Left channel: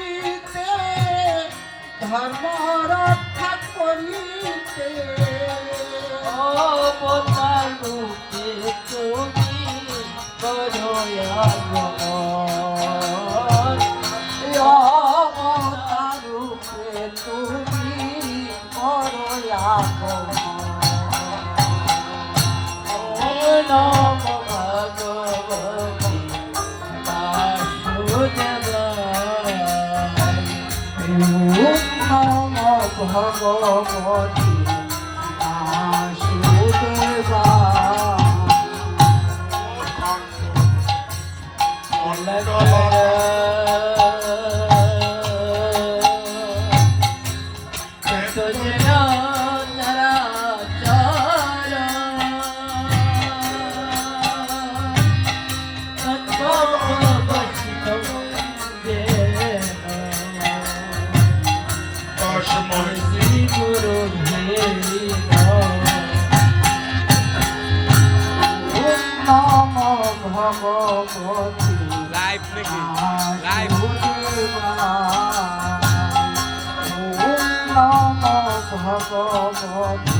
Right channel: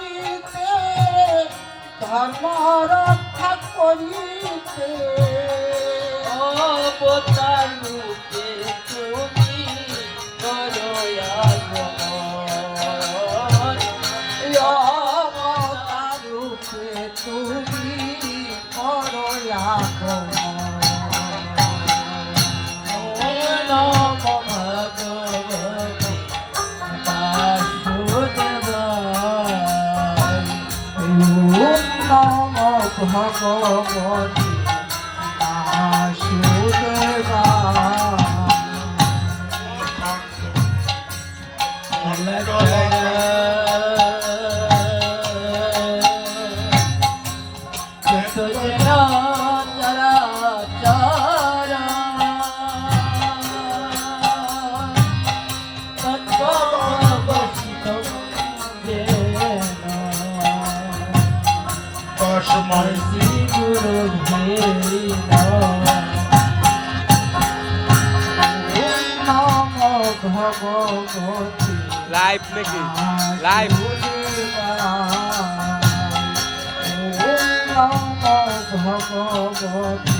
করিতে ধর্ম রক্ষা করিতে। অবদান রূপে ভগবতী আসুদেবা Oh, my God. Live, Nikki. Live. Live.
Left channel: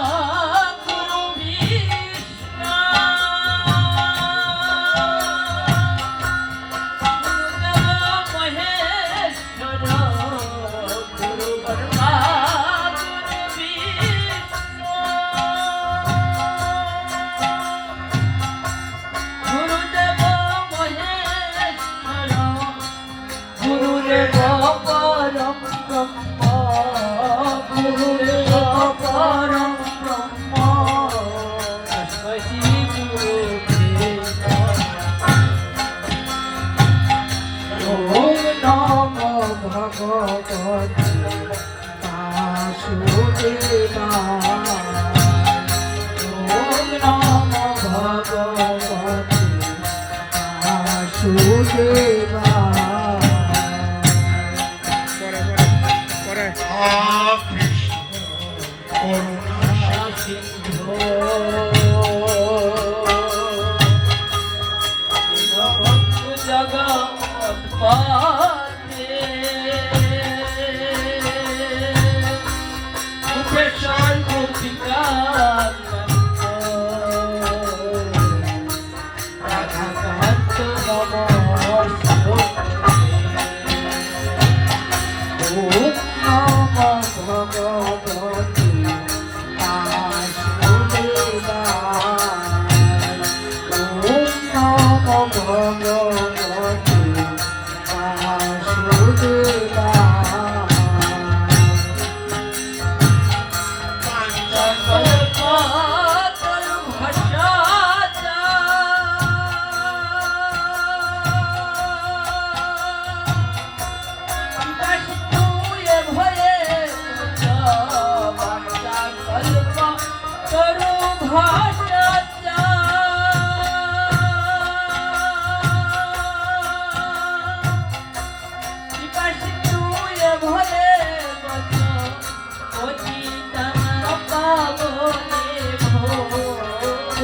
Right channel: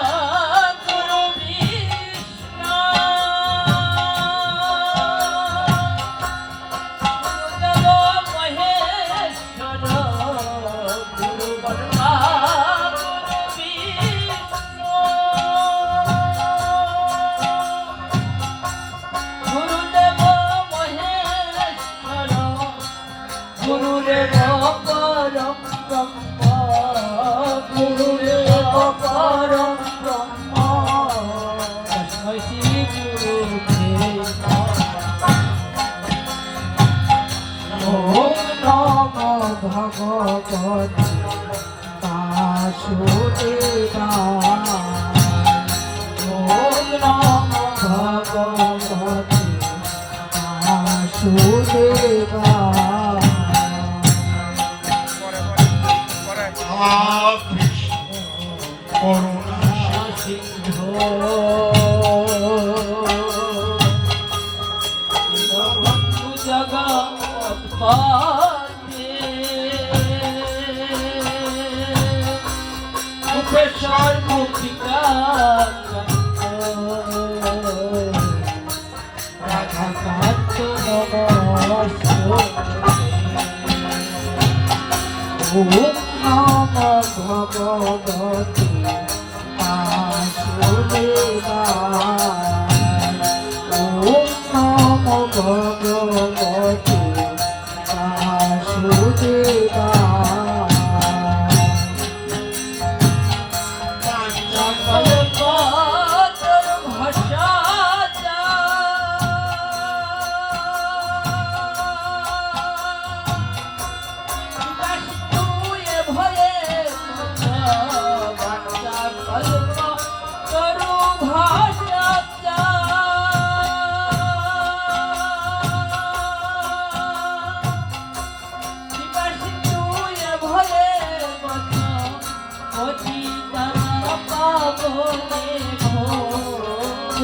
안녕.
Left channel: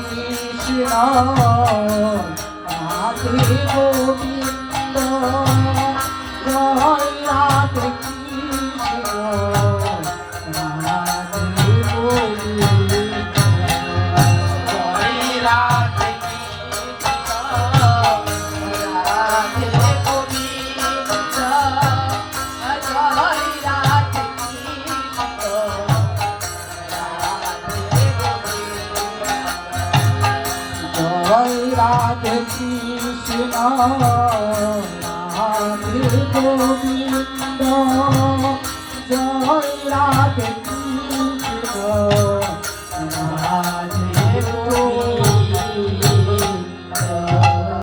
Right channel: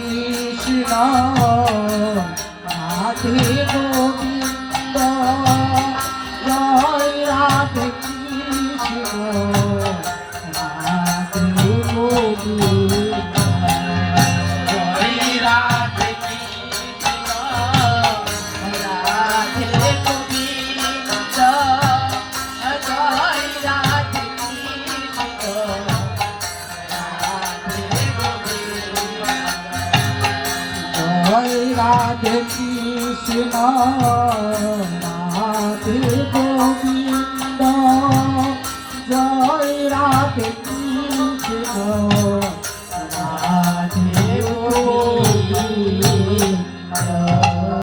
Krishna Radhe Govinda Radhe Krishna Radhe Govinda Krishna